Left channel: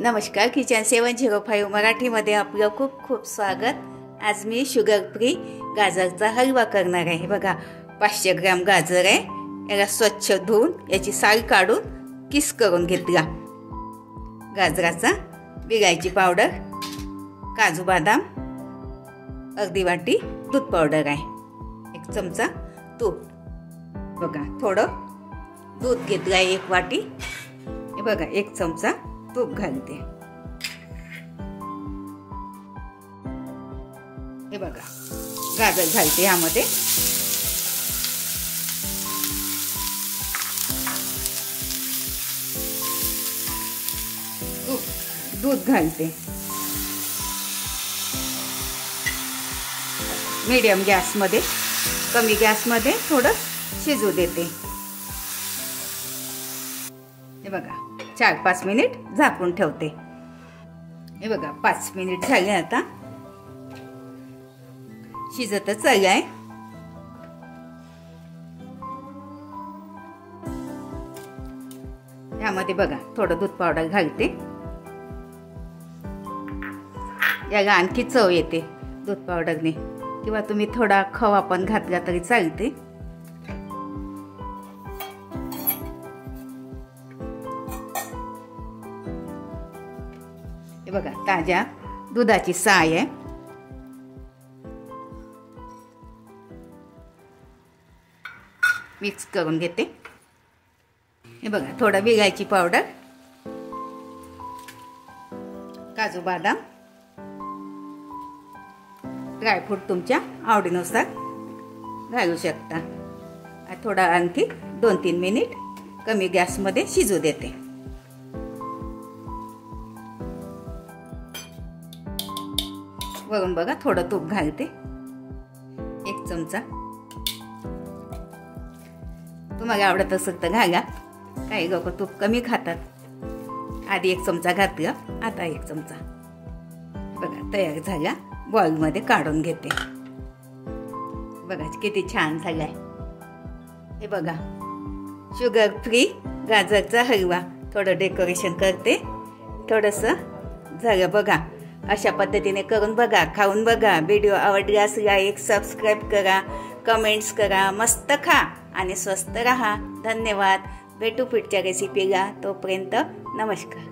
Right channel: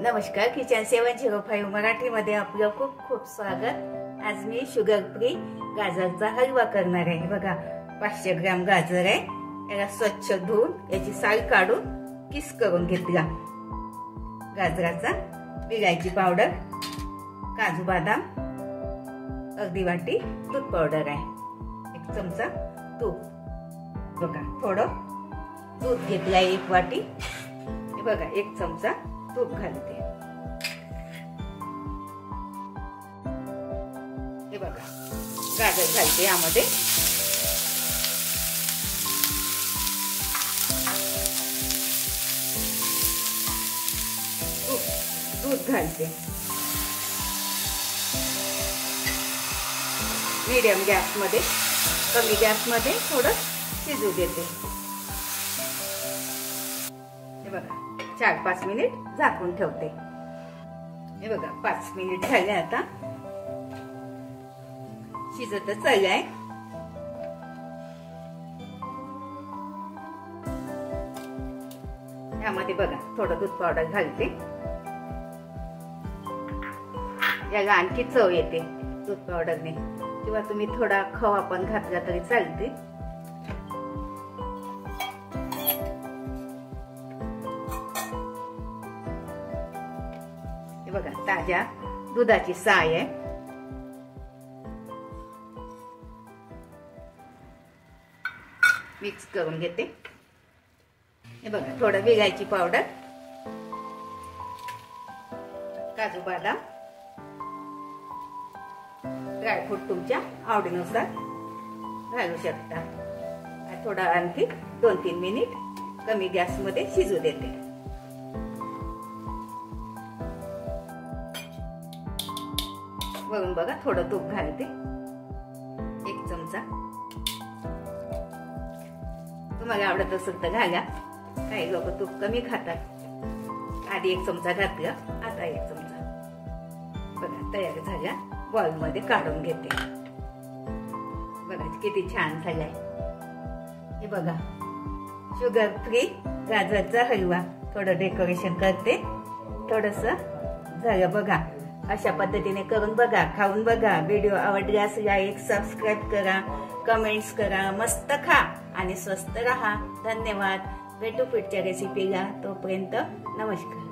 नमस्कार, किचन 705 मराठीमध्ये आपलं खूप खूप स्वागत। आज मी शुगर फ्री गाजरचा हलवा करणार आहे। बघा, 500 ग्रॅम गाजर आहे। याला स्वच्छ धुवून याची साल काढून किस करून घेतला। गाजराचा, विलायची पावडर, काजू बदाम, अर्धी वाटी दूध पावडर आहे, 1 चमचा तूप। बघा, थोडं दूध घेतलं आहे 1 वाटी। हे बघा, 1 चमचा तूप घालते। हे बघा, गाजर घालते यामध्ये। दूध घालते। मीडियम गॅस मध्ये, कमी गॅस मध्ये थोडं शिजू देते। हे बघा, 4-5 मिनिट झाकून ठेवते। हे बघा, 5 मिनिट झाले। आता शिजतच आहे। यामध्ये बघा, थोडं दूध पावडर घालते। याला आणखी चव येते दूध पावडरने, किंवा तुम्ही थोडा खवा पण घातला तरी चालते। हे बघा, ताज्या दुधाची साय आहे। मिक्स करून घेते। हे बघा, थोडा विलायची पावडर, काजू बदाम, ड्रायफ्रूट तुमच्या आवडीनुसार घालू शकता। थोडा आणखी 2-3 मिनिट कमी गॅस मध्ये शिजू देते। वरून बघा, थोडं तूप घालते, 1 चमचा। तुम्हाला आवडत असेल तर घाला, काही लोक तूप कमी खातात। आधी 1 चमचा घातला, आता 1 चमचा। बघा, तयार झाला। बॉल मध्ये काढून घेते। बघा, किती छान झालाय। हे बघा, शुगर फ्री गाजरचा हलवा। थोडं डेकोरेशन करते, थोडस झालं। बघा, अशा पद्धतीने करून बघा, खाऊन बघा। व्हिडिओ आवडल्यास लाईक, सबस्क्राईब करा, कमेंट्स करा। मस्त खा आणि स्वस्त रहा। धन्यवाद। भेटू पुढच्या रेसिपीला। तोपर्यंत नमस्कार।